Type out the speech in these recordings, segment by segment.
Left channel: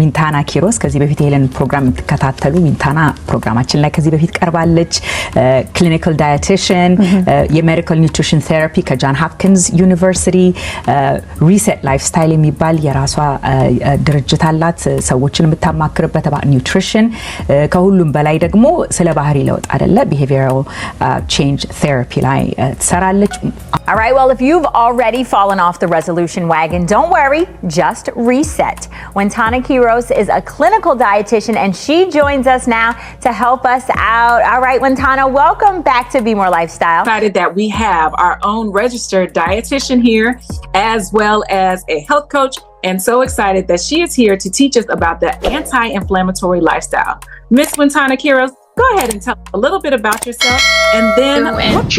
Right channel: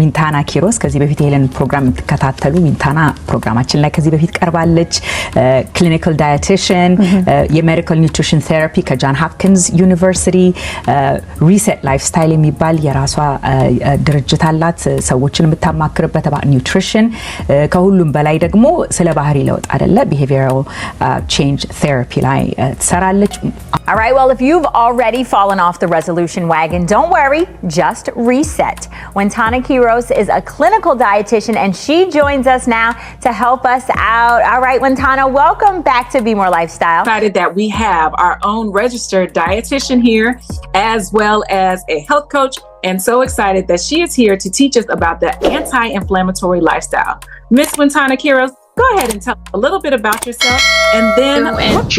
ዊንታና ኪሮስ ከዚህ በፊት የሄለን ፕሮግራም የምትከታተሉ ዊንታና ፕሮግራማችን ላይ ከዚህ በፊት ቀርባለች። ክሊኒካል ዳየቲሽን፣ የሜዲካል ኒውትሪሽን ቴራፒ ከጃን ሆፕኪንስ ዩኒቨርሲቲ፣ ሪሴት ላይፍስታይል የሚባል የራሷ ድርጅት አላት ሰዎችን የምታማክርበት about ኒውትሪሽን። ከሁሉም በላይ ደግሞ ስለ ባህሪ ለውጥ አይደለ behavioral change therapy ላይ ትሰራለች። All right, well, if you've already fallen off the resolution wagon, don't worry, just reset. Wintana Quiros is a clinical dietitian and she joins us now to help us out. All right, Wintana, welcome back to Be More Lifestyle. Excited that we have our own registered dietitian here, as well as a health coach, and so excited that she is here to teach us about the anti-inflammatory lifestyle. Miss Wintana Quiros, go ahead and tell a little bit about yourself, and then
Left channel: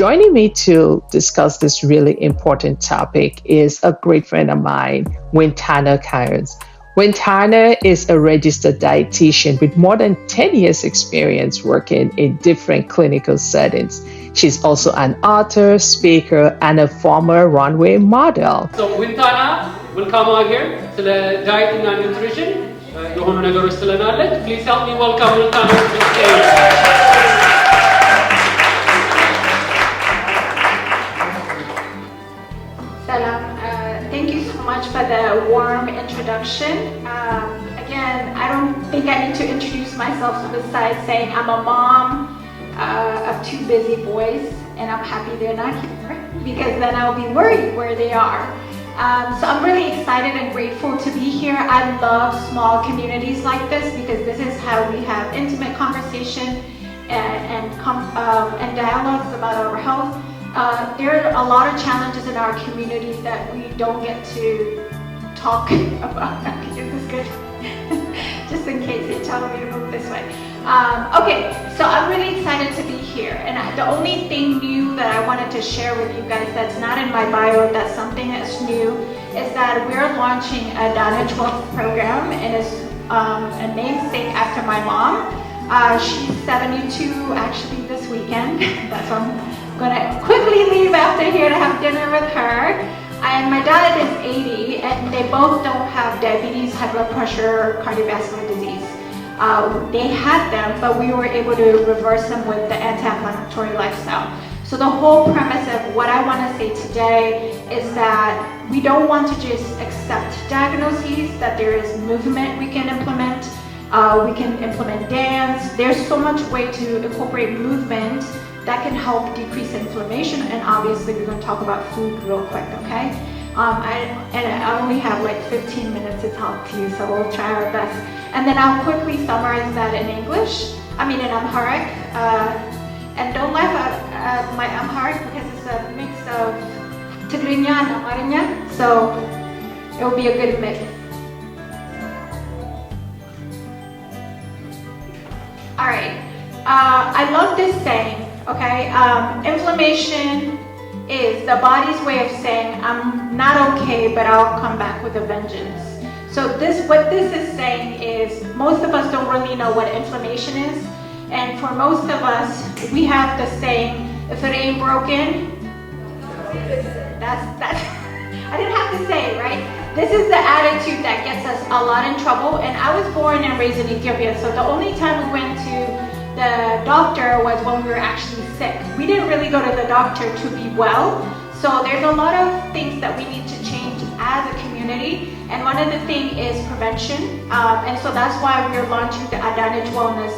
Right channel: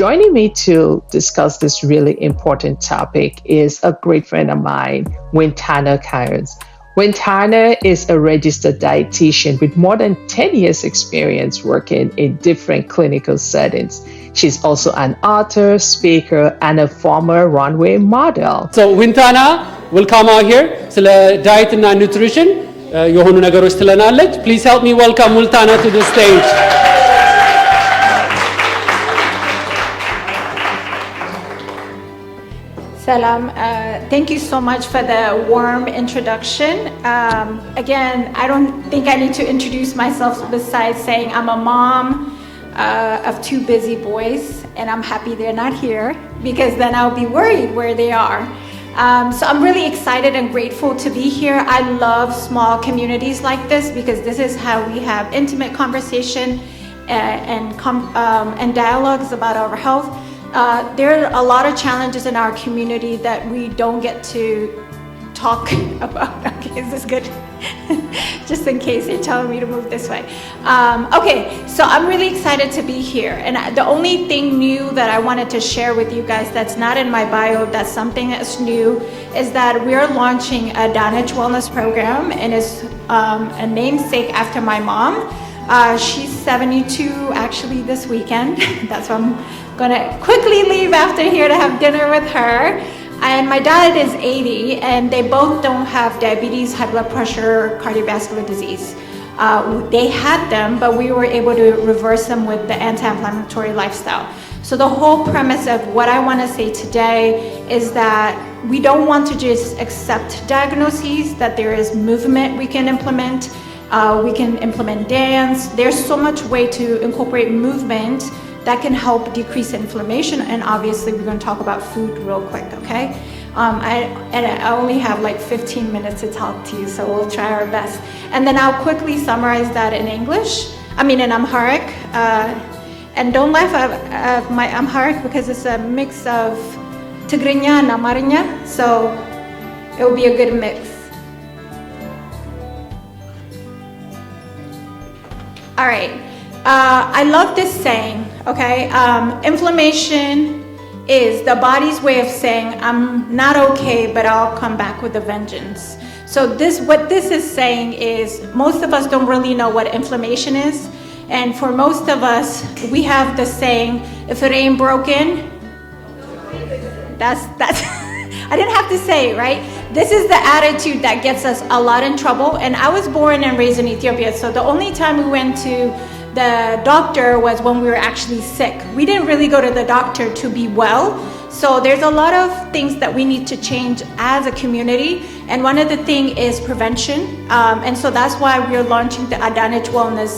joining me to discuss this really important topic is a great friend of mine, Wintana Quiros. Wintana is a registered dietitian with more than 10 years experience working in different clinical settings. She's also an author, speaker, and a former runway model. So Wintana will come out here to diet and nutrition. የሆኑ ነገሮች ትለናለች. Please help me welcome Wintana to the stage. Salam. Thank you so much for the warm introduction. Again, I don't think I need to introduce myself besides saying I'm a mom of two busy boys, and I'm happy they're not here because then I'll be worried where they are. So I'm really excited and grateful to be here. I love small communities like this because this is how we have intimate conversation and dialogues about our health. There are a lot of challenges in our community that we don't get to talk about. Okay, is this good? Just in case they're telling me to move this way. Okay, so I'm really excited to be here. And the only thing new that I wanted to share with you guys that's not in my bio, that's something that's new, is that we're launching a Danich Wellness program, and it's a namesake after my mom. She's 72 actually this weekend. That's why I'm gonna quickly leave after here to have dinner with her. And my dad is 80, and they both don't have diabetes, high blood pressure, cardiovascular disease. They had them, but we were able to reverse them with the anti-inflammatory lifestyle. So the whole premise of what I want to say today is that we don't want to just accept diagnoses, that there is movement we can implement. We can implement dance. There's so much way to incorporate movement that can help decrease inflammation, and obviously we're going to talk about food real quick, okay? I only have like 15 minutes to talk to you, so we'll try our best. And then I'll quickly summarize that in English, in Amharic. And don't laugh at my Amharic because it's a mix of Tigrinya and Amarinya, so it will be a good mix. All right, I love this saying. Okay, inflammation is the body's way of saying I'm not okay, but I'll come back with a vengeance. So what this is saying is most of us don't really know what inflammation is, and for most of us, we have the saying, if it ain't broken, that's I didn't have to say it, right? This is the attitude that gets us a lot in trouble. And I was born and raised in Ethiopia, so the only time we went to the doctor was when we were actually sick. We didn't really go to the doctor to be well. So there's a lot of things that we need to change as a community. And one of the things is prevention. And so that's why we're launching the Danich Wellness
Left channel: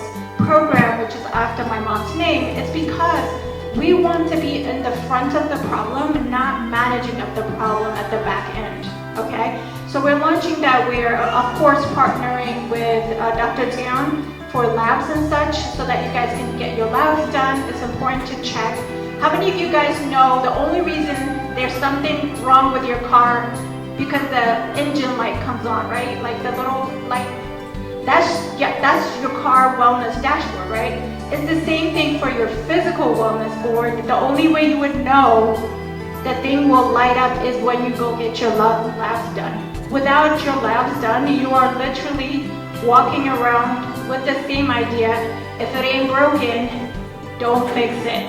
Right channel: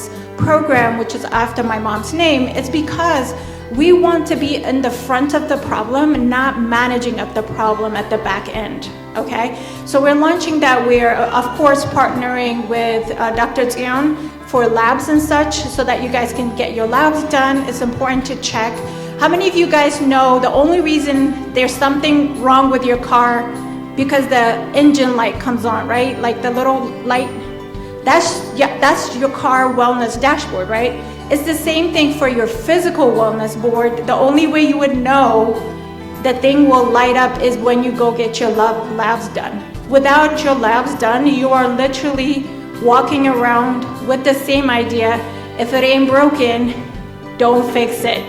program, which is after my mom's name. It's because we want to be in the front of the problem and not managing of the problem at the back end, okay? So we're launching that. We're, of course, partnering with Dr. Zion for labs and such so that you guys can get your labs done. It's important to check. How many of you guys know the only reason there's something wrong with your car because the engine light comes on, right? Like the little light, that's your car wellness dashboard, right? It's the same thing for your physical wellness board. The only way you would know the thing will light up is when you go get your labs done. Without your labs done, you are literally walking around with the same idea. If it ain't broken, don't fix it.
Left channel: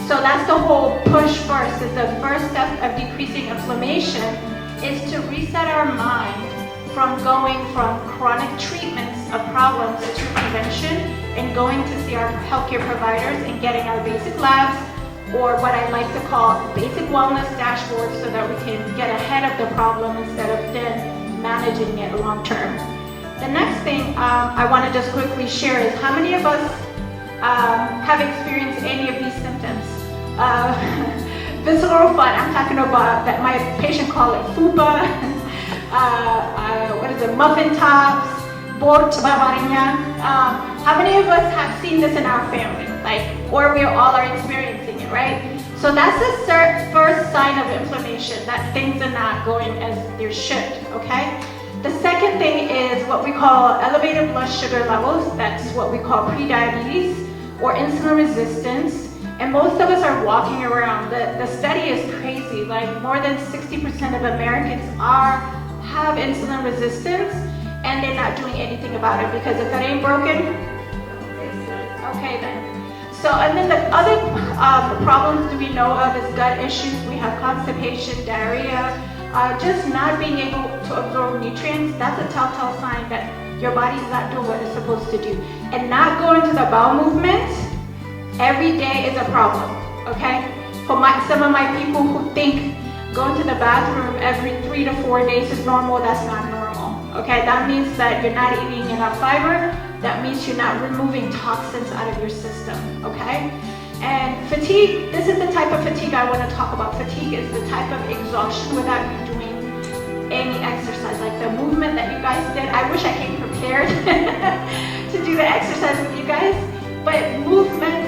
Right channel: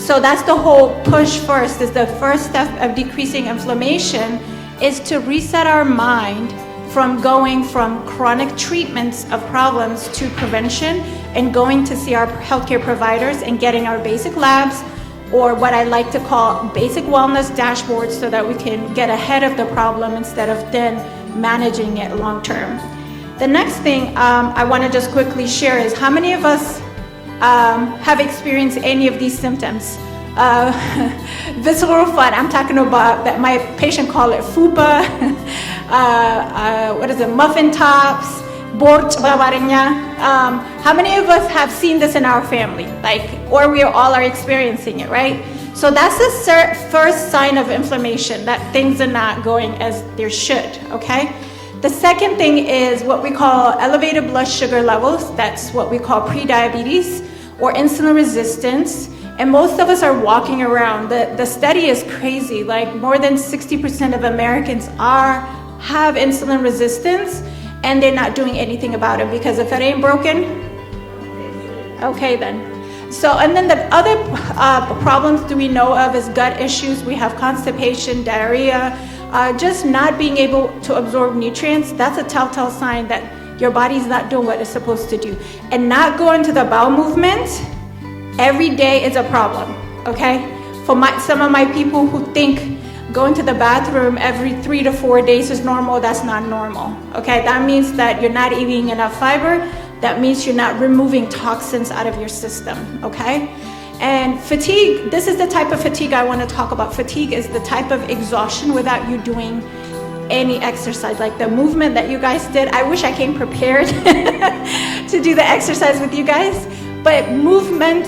So that's the whole push first, is the first step of decreasing inflammation is to reset our mind from going from chronic treatments of problems to prevention and going to see our healthcare providers and getting our basic labs, or what I like to call basic wellness dashboards, so that we can get ahead of the problem instead of then managing it long term. The next thing I want to just quickly share is how many of us have experienced any of these symptoms? Visceral fat, I'm talking about that my patient call it fupa, what is it, muffin tops, borch babarenya. How many of us have seen this in our family? Or we all are experiencing it, right? So that's the first sign of inflammation, that things are not going as they should, okay? The second thing is what we call elevated blood sugar levels. That's what we call prediabetes or insulin resistance. And most of us are walking around. The study is crazy. Like more than 60% of Americans have insulin resistance, and they're not doing anything about it, because if it ain't broken, okay then. So, and then the other problems that we know of is gut issues. We have constipation, diarrhea, just not being able to absorb nutrients. That's a telltale sign that your body's not doing what it's supposed to do. And not going to the bowel movement every day is a problem, okay? For some of my people who think going to the bathroom every 3 to 4 days is normal, that's not normal, okay? That means that you're not eating enough fiber. That means you're not removing toxins out of your system, okay? And fatigue, this is the type of fatigue I want to talk about. Fatigue is the type of exhaustion without you doing any exercise. Like the movement that you guys did, I wish I came prepared to do the exercise with you guys. But movement,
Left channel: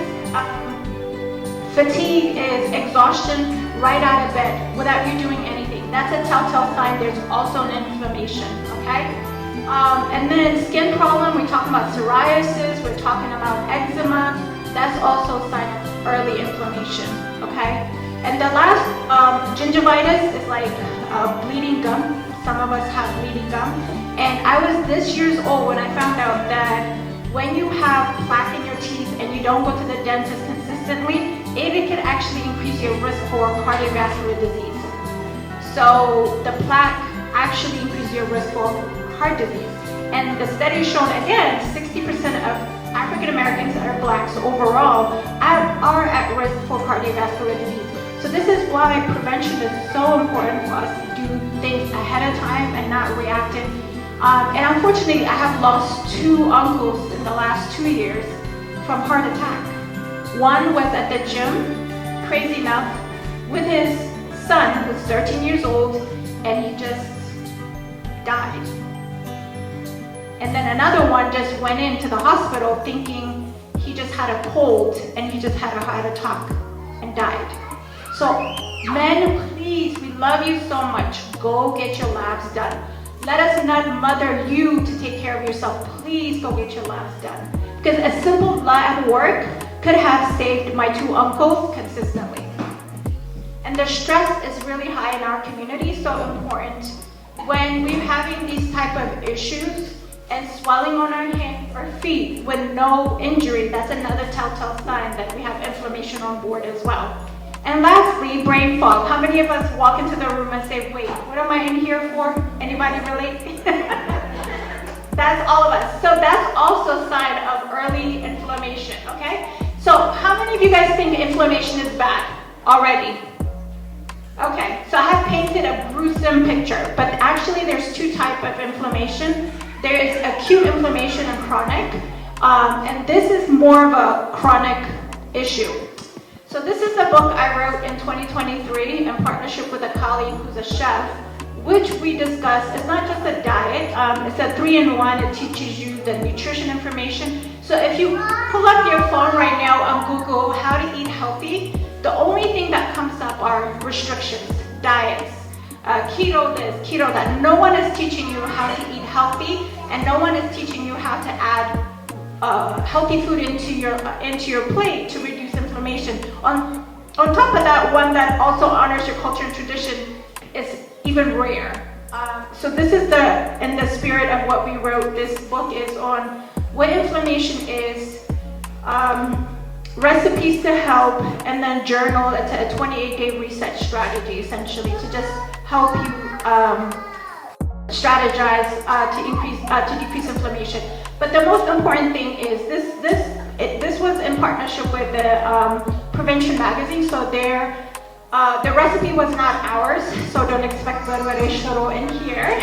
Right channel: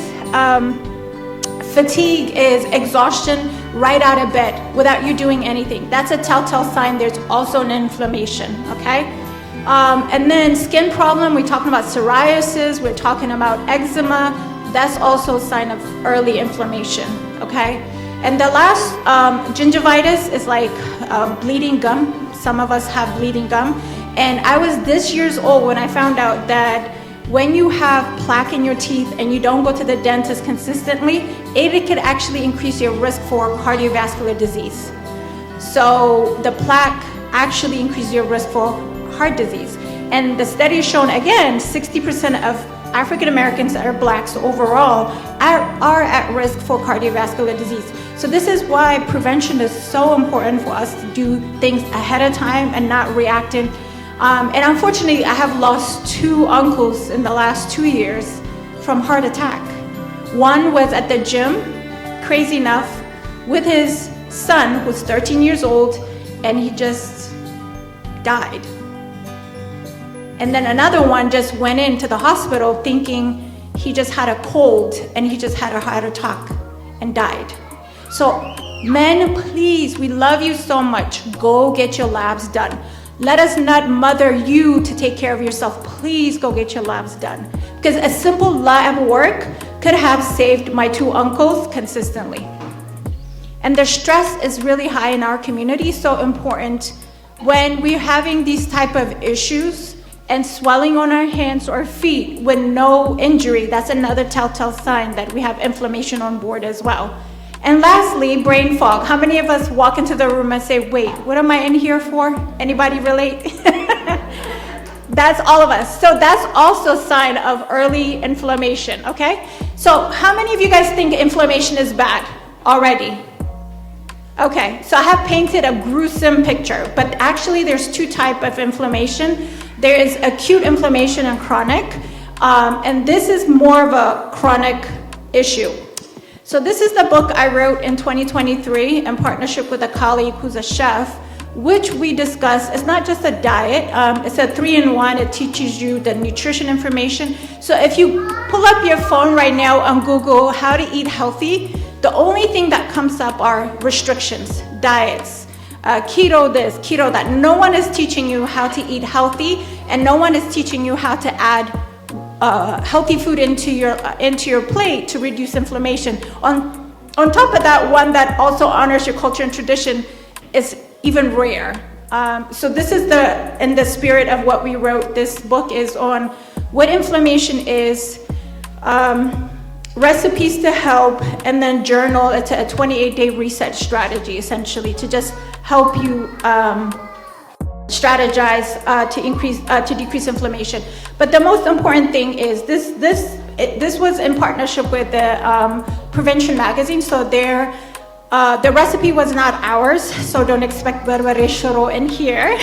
fatigue is exhaustion right out of bed without you doing anything. That's a telltale sign there's also an inflammation, okay? And then skin problem, we're talking about psoriasis, we're talking about eczema. That's also a sign of early inflammation, okay? And the last, gingivitis is like bleeding gum. Some of us have bleeding gum. And I was this years old when I found out that when you have plaque in your teeth and you don't go to the dentist consistently, it could actually increase your risk for cardiovascular disease. So the plaque actually increases your risk for heart disease. And the study has shown, again, 60% of African Americans that are blacks overall are at risk for cardiovascular disease. So this is why prevention is so important for us to do things ahead of time and not reacting. And unfortunately, I have lost 2 uncles in the last 2 years from heart attack. One was at the gym, crazy enough, with his son, who's 13 years old, and he just died. And then another one just went into the hospital thinking he just had a cold and he just had a heart attack and died. So men, please, we love you so much. Go get your labs done. Let us not mother you to take care of yourself. Please go get your labs done. Because a simple lab work could have saved my 2 uncles consistently. And the stress is really high in our community, so important. When we're having these type of issues and swelling on our hands or feet with no injury, that's another telltale sign that we have inflammation on board as well. And lastly, brain fog. How many of us walk into the room and say, wait, what am I in here for? Anybody relate? That's all of us. So that's also a sign of early inflammation, okay? So how many of you guys think inflammation is bad already? Okay, so I have painted a gruesome picture, but actually there's 2 types of inflammation. There is acute inflammation and chronic, and this is more of a chronic issue. So this is the book I wrote in 2023 in partnership with a colleague who's a chef, which we discuss. It's not just a diet, it's a 3-in-1. It teaches you the nutrition information. So if you pull up your phone right now on Google, how to eat healthy, the only thing that comes up are restrictions, diets, keto this, keto that. No one is teaching you how to eat healthy, and no one is teaching you how to add healthy food into your plate to reduce inflammation. On top of that, one that also honors your culture and tradition is even rare. So this is in the spirit of what we wrote. This book is on what inflammation is, recipes to help, and then journal. It's a 28-day reset strategy, essentially, to just help you strategize to decrease inflammation. But the most important thing is this was in partnership with the Prevention magazine. So the recipe was not ours, so don't expect barbare shoro in here.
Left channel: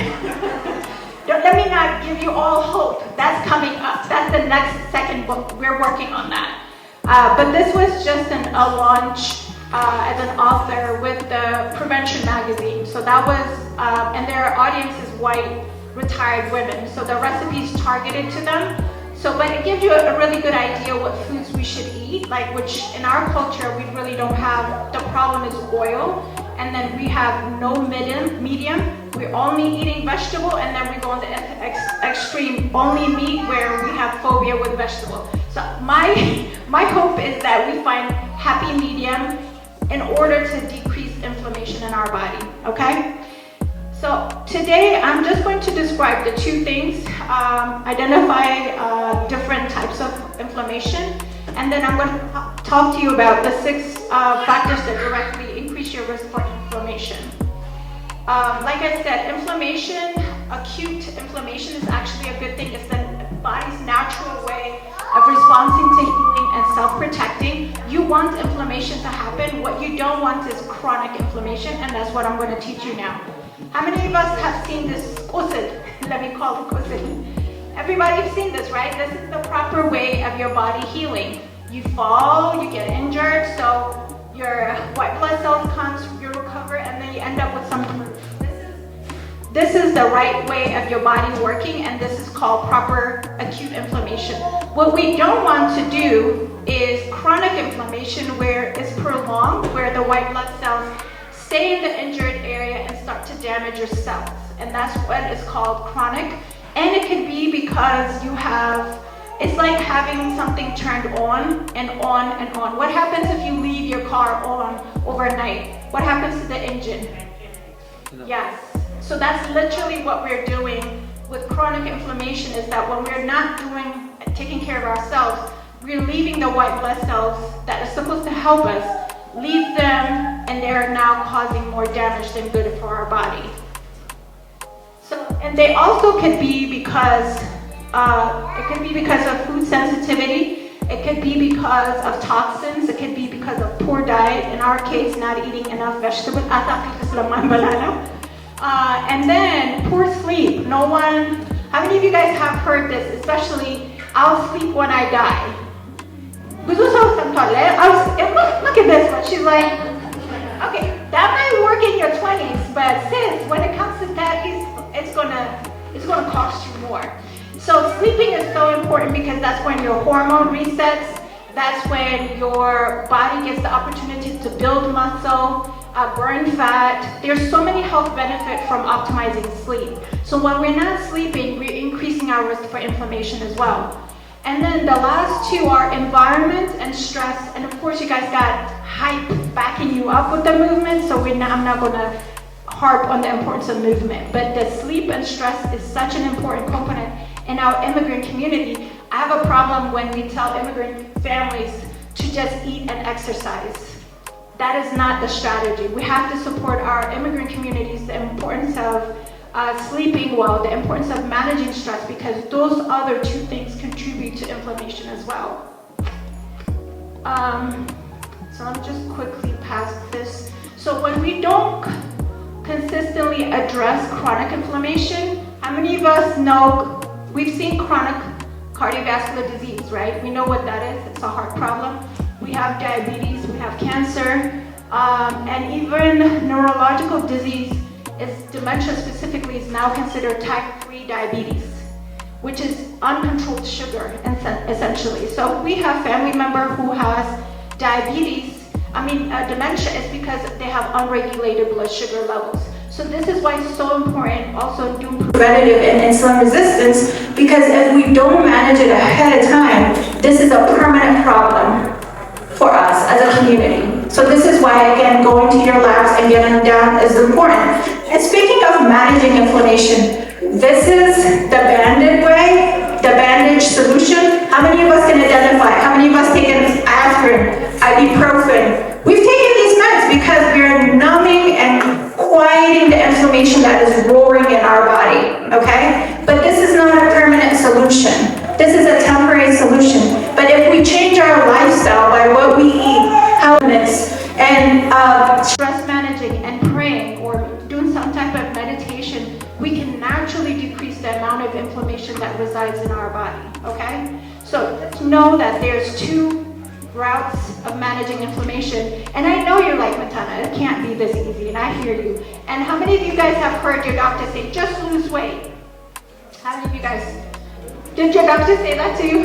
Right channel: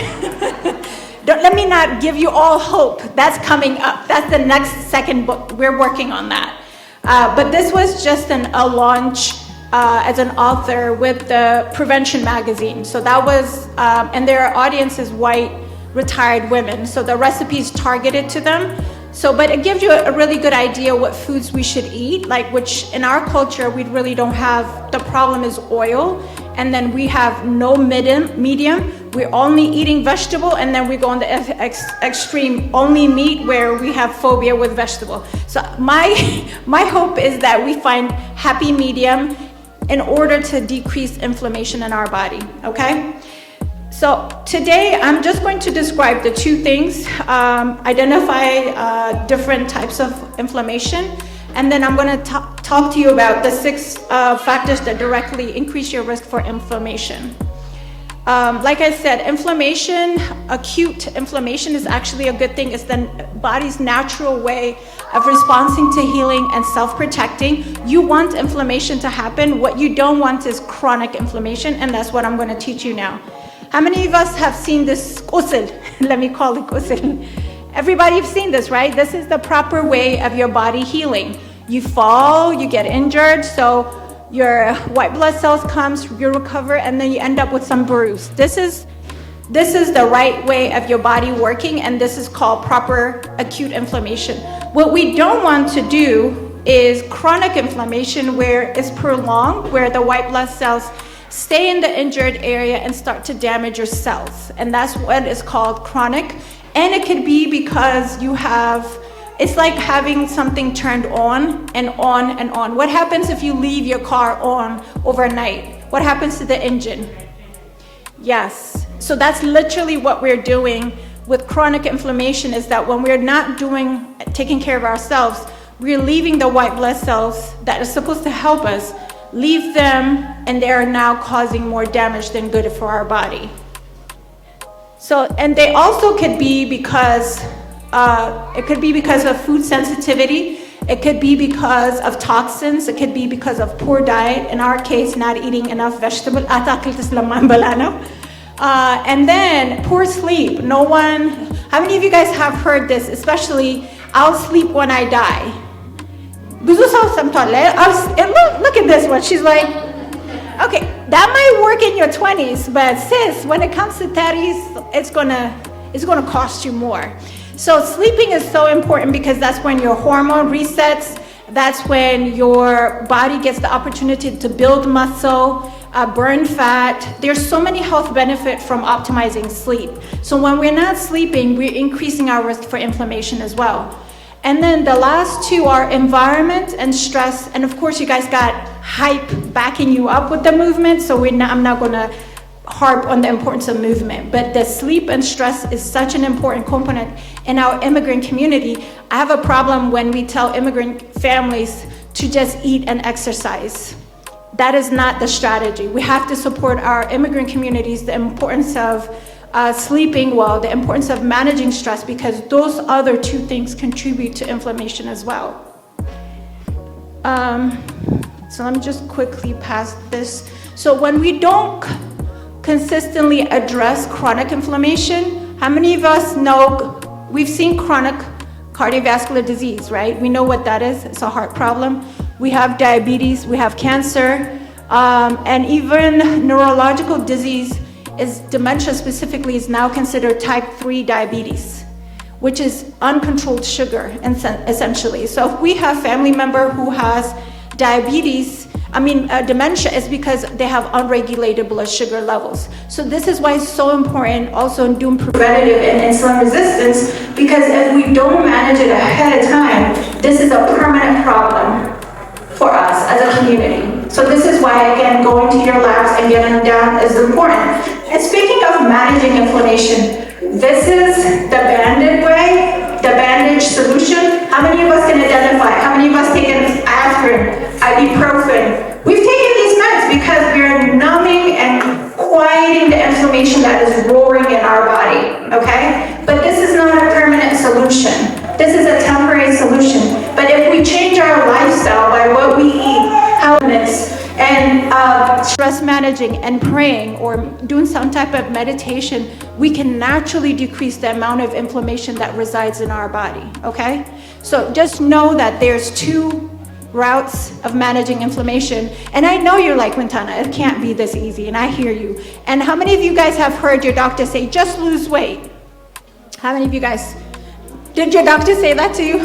Let me not give you all hope. That's coming up. That's the next second book. We're working on that. But this was just a launch as an author with the Prevention magazine. So that was, and their audience is white, retired women. So the recipe's targeted to them. So, but it gives you a really good idea what foods we should eat, like which in our culture, we really don't have, the problem is oil. And then we have no medium. We're only eating vegetable, and then we go on the extreme, only meat, where we have phobia with vegetable. So my hope is that we find happy medium in order to decrease inflammation in our body, okay? So today I'm just going to describe the two things, identify different types of inflammation, and then I'm going to talk to you about the 6 factors that directly increase your risk for inflammation. Like I said, inflammation, acute inflammation is actually a good thing. It's the body's natural way of responding to healing and self-protecting. You want inflammation to happen. What you don't want is chronic inflammation, and that's what I'm going to teach you now. How many of us have seen this qusl? Let me call it qusl. Everybody have seen this, right? This is the proper way of your body healing. You fall, you get injured, so your white blood cells comes, you recover, and then you end up with some bruise. This is the right way of your body working, and this is called proper acute inflammation. What we don't want to do is chronic inflammation, where it's prolonged, where the white blood cells stay in the injured area and start to damage your cells. And that's what is called chronic. And it could be because you have, it's like having something turned on and on and on. What happens if you leave your car on overnight? What happens to the engine? Yes. So that's literally what we're doing with chronic inflammation, is that when we're not taking care of ourselves, we're leaving the white blood cells that are supposed to help us, leave them, and they're now causing more damage than good for our body. So, and they also could be because, it could be because of food sensitivity, it could be because of toxins, it could be because of poor diet, in our case, not eating enough vegetable, and then poor sleep. How many of you guys have heard this, especially, I'll sleep when I die? Look at this one, she's like, okay, that might work in your 20s, but sis, when it comes to 30s, it's gonna cost you more. So sleeping is so important, because that's when your hormone resets, that's when your body gets the opportunity to build muscle, burn fat. There's so many health benefits from optimizing sleep. So when we're not sleeping, we're increasing our risk for inflammation as well. And then the last two are environment and stress. And of course, you guys got hype backing you up with the movement, so I'm not gonna harp on the importance of movement. But the sleep and stress is such an important component in our immigrant community. I have a problem when we tell immigrant families to just eat and exercise. That is not the strategy. We have to support our immigrant communities, the importance of sleeping well, the importance of managing stress, because those other two things contribute to inflammation as well. So let me just quickly pass this. So when we don't consistently address chronic inflammation, how many of us know, we've seen chronic cardiovascular disease, right? We know what that is. It's a heart problem. We have diabetes, we have cancer, and even neurological disease is dementia specifically is now considered type 3 diabetes, which is uncontrolled sugar essentially. So if we have family member who has diabetes, dementia, is because they have unregulated blood sugar levels. So this is why it's so important also in doing preventative and insulin resistance, because if we don't manage it ahead of time, this is a permanent problem for us as a community. So this is why, again, going to your labs and getting them down is important. And speaking of managing inflammation, this is the banded way, the bandage solution. How many of us can identify? How many of us taken aspirin, ibuprofen? We've taken these meds because we're numbing and quieting the inflammation that is roaring in our body. managing and praying or doing some type of meditation, we can naturally decrease the amount of inflammation that resides in our body, okay? So just know that there's two routes of managing inflammation. And I know you're like, Quintana, it can't be this easy, and I hear you. And how many of you guys have heard your doctor say, just lose weight? How many of you guys, did your doctor say that to you?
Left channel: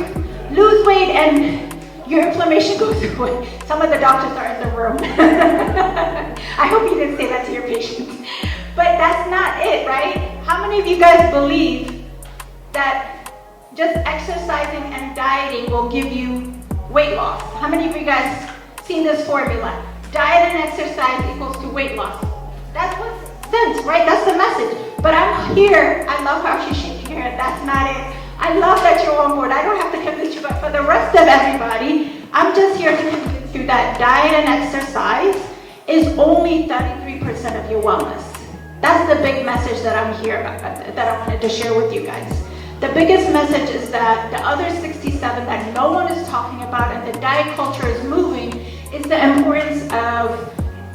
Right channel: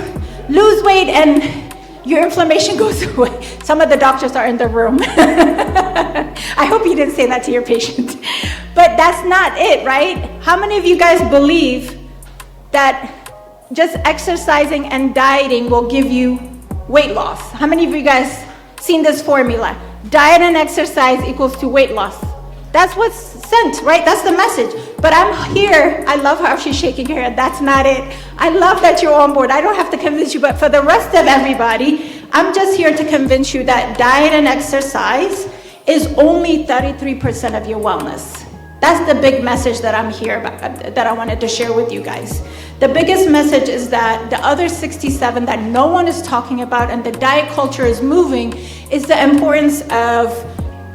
Lose weight and your inflammation goes away. Some of the doctors are in the room. I hope you didn't say that to your patient. But that's not it, right? How many of you guys believe that just exercising and dieting will give you weight loss? How many of you guys seen this formula? Diet and exercise equals to weight loss. That's what's sent, right? That's the message. But I'm here. I love how she's shaking her head. That's not it. I love that you're on board. I don't have to convince you, but for the rest of everybody, I'm just here to convince you that diet and exercise is only 33% of your wellness. That's the big message that I'm here about, that I wanted to share with you guys. The biggest message is that the other 67 that no one is talking about and the diet culture is moving is the importance of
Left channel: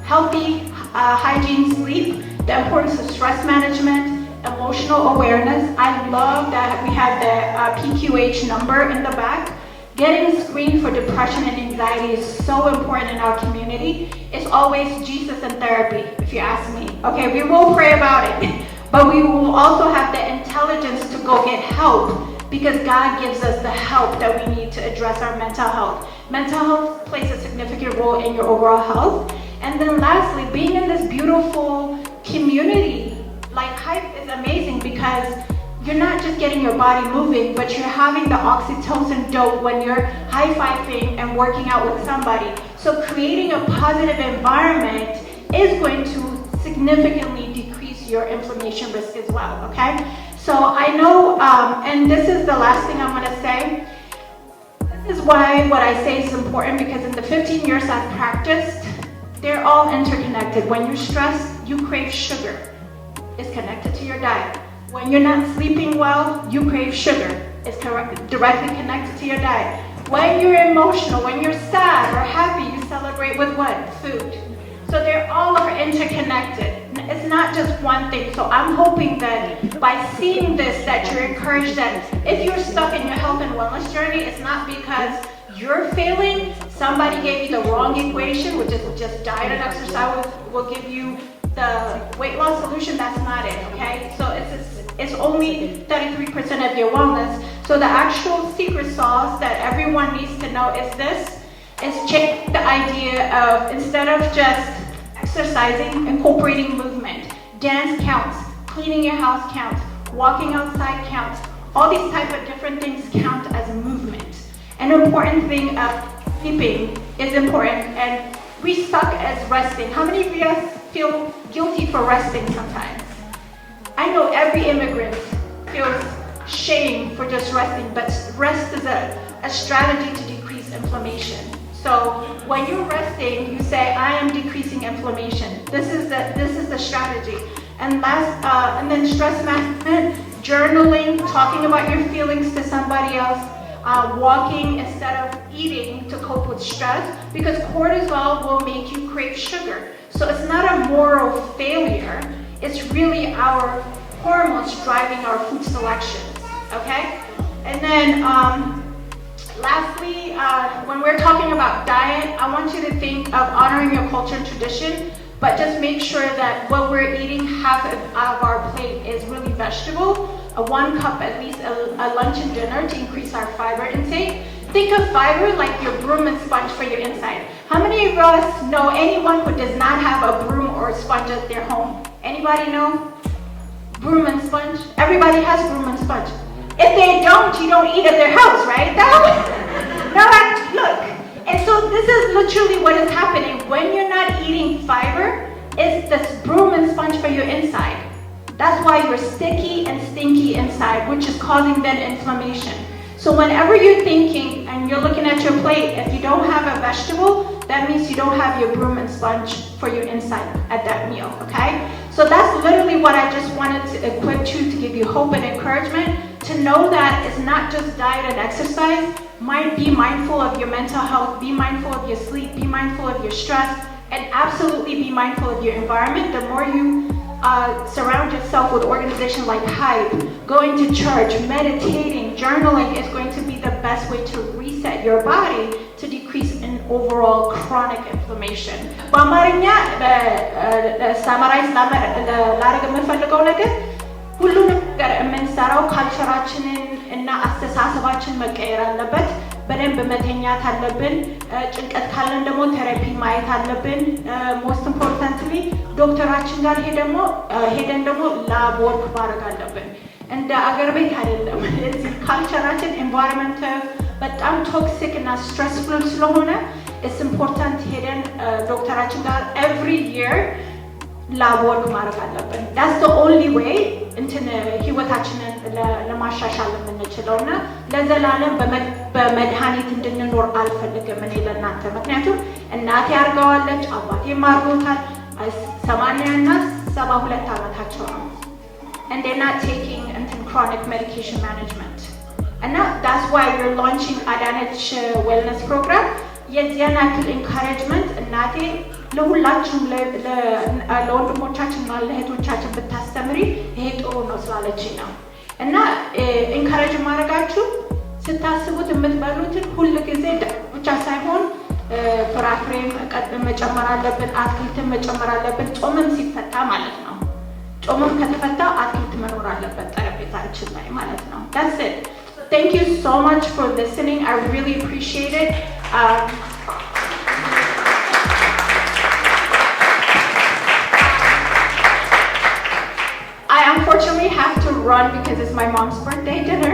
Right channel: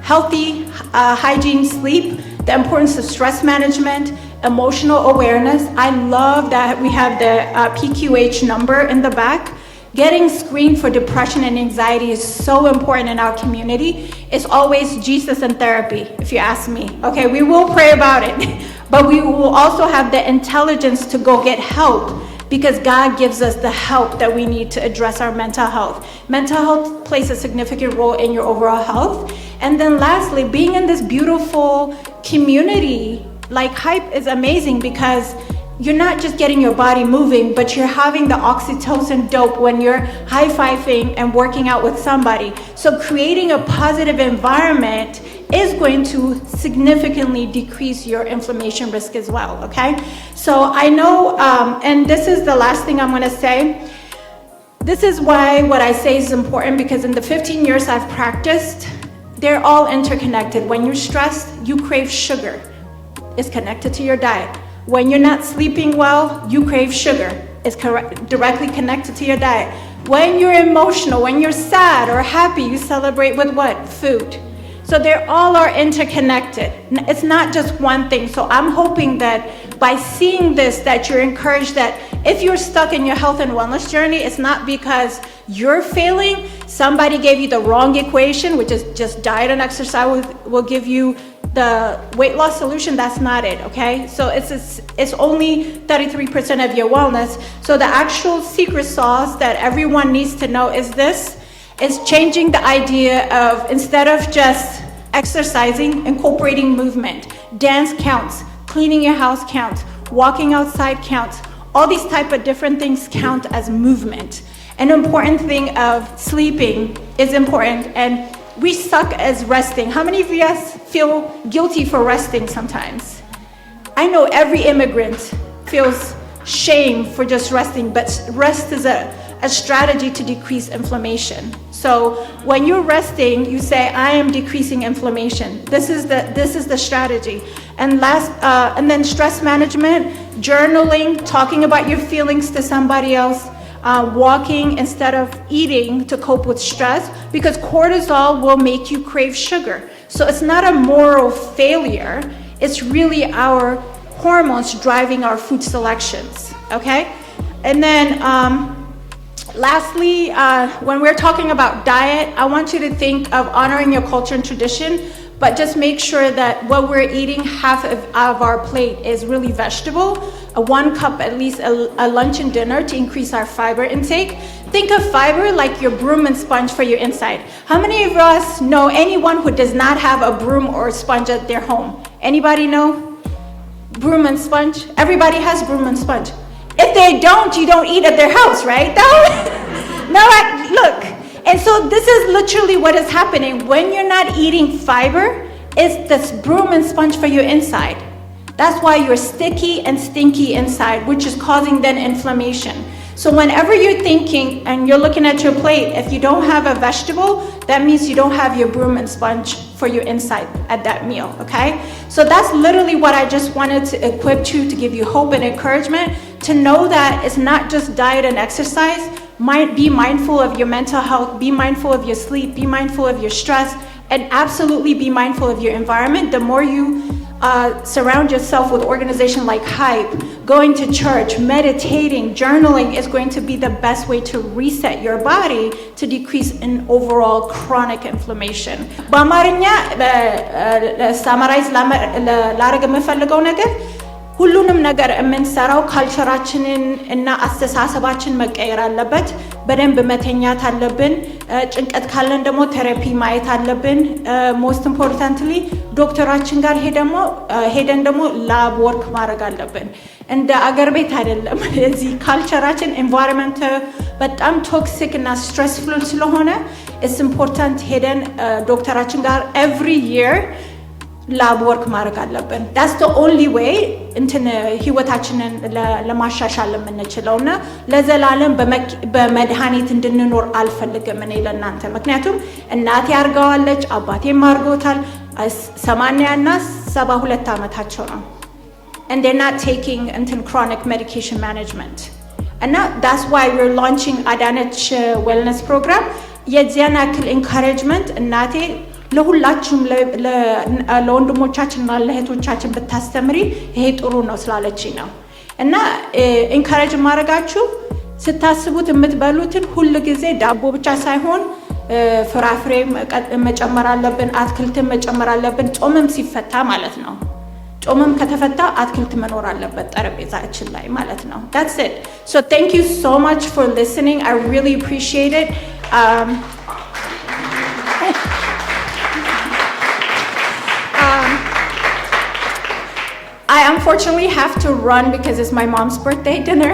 healthy hygiene sleep, the importance of stress management, emotional awareness. I love that we have the PQH number in the back. Getting screened for depression and anxiety is so important in our community. It's always Jesus and therapy, if you ask me. Okay, we will pray about it, but we will also have the intelligence to go get help because God gives us the help that we need to address our mental health. Mental health plays a significant role in your overall health. And then lastly, being in this beautiful community, like Hype is amazing because you're not just getting your body moving, but you're having the oxytocin dope when you're high-fiving and working out with somebody. So creating a positive environment is going to significantly decrease your inflammation risk as well, okay? So I know, and this is the last thing I'm gonna say. This is why what I say is important, because in the 15 years I've practiced, they're all interconnected. When you're stressed, you crave sugar. It's connected to your diet. When you're not sleeping well, you crave sugar. It's directly connected to your diet. When you're emotional, when you're sad or happy, you celebrate with what? Food. So they all are interconnected. It's not just one thing. So I'm hoping that by seeing this, that you're encouraged that if you're stuck in your health and wellness journey, it's not because you're failing. Somebody gave you the wrong equation, which is just diet and exercise will give you the weight loss solution. That's not it, okay? So it's only 33% of your wellness. So the actual secret sauce that everyone needs to know is this. Is changing the idea of, instead of just exercising, incorporating movement. Dance counts, cleaning your house counts, walking outside counts. All these type of different things count as movement. An important thing of sleeping is important, and we suck as resting. How many of you guys feel guilty for resting sometimes? I know every immigrant feels shame for just resting, but rest is a strategy to decrease inflammation. So when you're resting, you say, I am decreasing inflammation. This is the strategy. And and then stress management, journaling, talking about your feelings to somebody else, walking instead of eating to cope with stress, because cortisol will make you crave sugar. So it's not a moral failure. It's really our hormones driving our food selections, okay? And then lastly, when we're talking about diet, I want you to think of honoring your culture and tradition, but just make sure that what we're eating, half of our plate is really vegetable, 1 cup at least a lunch and dinner to increase our fiber intake. Think of fiber like your broom and sponge for your inside. How many of us know anyone who does not have a broom or a sponge at their home? Anybody know? Broom and sponge? Everybody has broom and sponge. If they don't, you don't eat at their house, right? No, look. And so this is literally what is happening. When you're not eating fiber, it's this broom and sponge for your inside. That's why you're sticky and stinky inside, which is causing then inflammation. So whenever you're thinking and you're looking at your plate, if you don't have a vegetable, that means you don't have your broom and sponge for your inside at that meal, okay? So that's literally what I just wanted to equip you, to give you hope and encouragement, to know that it's not just diet and exercise. Be mindful of your mental health, be mindful of your sleep, be mindful of your stress, And absolutely be mindful of your environment. The more you surround yourself with organizations like Hype, going to church, meditating, journaling is going to be the best way to reset your body to decrease in overall chronic inflammation. በአማርኛ ሳማራይዝ ላረግ የምፈልገው ነገር ሁሉንም ነገር የምንሰራው ካልቸራችንን እና አስተሳሰባችን መቀየር አለበት። በደንብ መተኛት አለብን። ጭንቀት ካለን ደግሞ ቴራፒ ማየት አለብን። ሞስት ኢምፖርታንትሊ ዶክተራችን ጋር ሄደን ደግሞ ላብ ወርክ ማድረግ አለብን። እንደ አገር ቤት አይደለም። እዚህ ካልቸራችን ኤንቫይሮንመንት በጣም ቶክሲክ እና ስትሬስፉል ስለሆነ ኢትስ ኢምፖርታንት ሄደን ዶክተራችን ጋር ኤቭሪ ይር ላብ ወርክ ማድረግ አለብን። ዳትስ ዘ ኦንሊ ዌይ እንትን ህይወታችንን ለማሻሻል የምንችለው እና ለዘላለም በመድኃኒት እንድንኖር አልፈልግም እኔ ለእናንተ። ምክንያቱም እናቴ አርገዋለች፣ አባቴም አርጎታል። 80 እና 72 ዓመታቸው ነው። and they're not taking እንትን chronic medication management. እና that's why we're launching አዳነች wellness program. የዚያን ያክል ኢንካሬጅመንት እናቴ ለሁላችንም ለወንድሞቻችንና ለእህቶቻችን ብታስተምሪ ይሄ ጥሩ ነው ስላለችኝ ነው። እና ኢንካሬጅ ማድረጋችሁ ስታስቡት የምትበሉትን ሁሉ ጊዜ ዳቦ ብቻ ሳይሆን ፍራፍሬም መጨመር አለብን፣ አትክልትን መጨመር አለብን። ጾምም ሲፈታ ማለት ነው። ጾምም ከተፈታ አትክልት መኖር አለበት ጠረጴዛችን ላይ ማለት ነው። That's it. So thank you so much for listening. I really appreciate it. I unfortunately have to run because it's my mom's birthday dinner.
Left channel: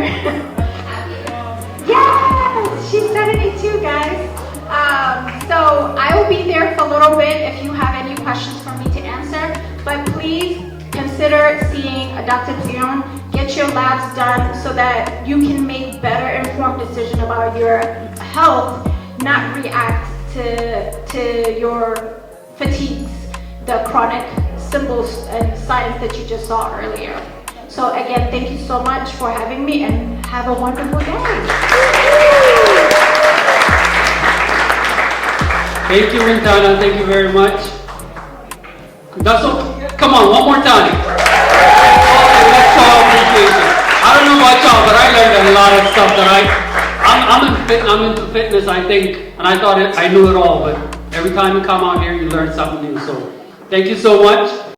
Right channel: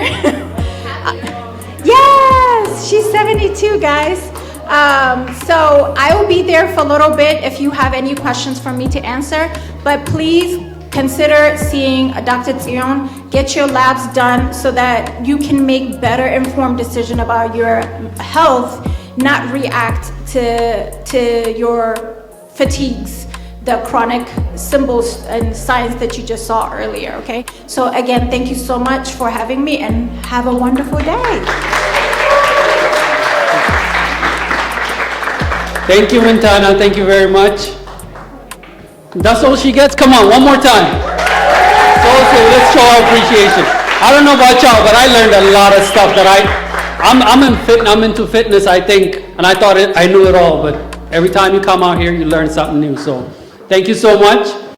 Yes, she's 72, guys. So I will be there for a little bit if you have any questions for me to answer. But please consider seeing Dr. Zion. Get your labs done so that you can make better informed decision about your health, not react to your fatigues, the chronic symbols and signs that you just saw earlier, okay? So again, thank you so much for having me and have a wonderful day. Thank you, Mintana. Thank you very much. That's all she gets? Come on, one more time. Okay, let's show our appreciation. I don't know about y'all, but I learned a lot of stuff that I'm into fitness, I think, and I thought I knew it all, but every time you come out here, you learn something new. So thank you so much.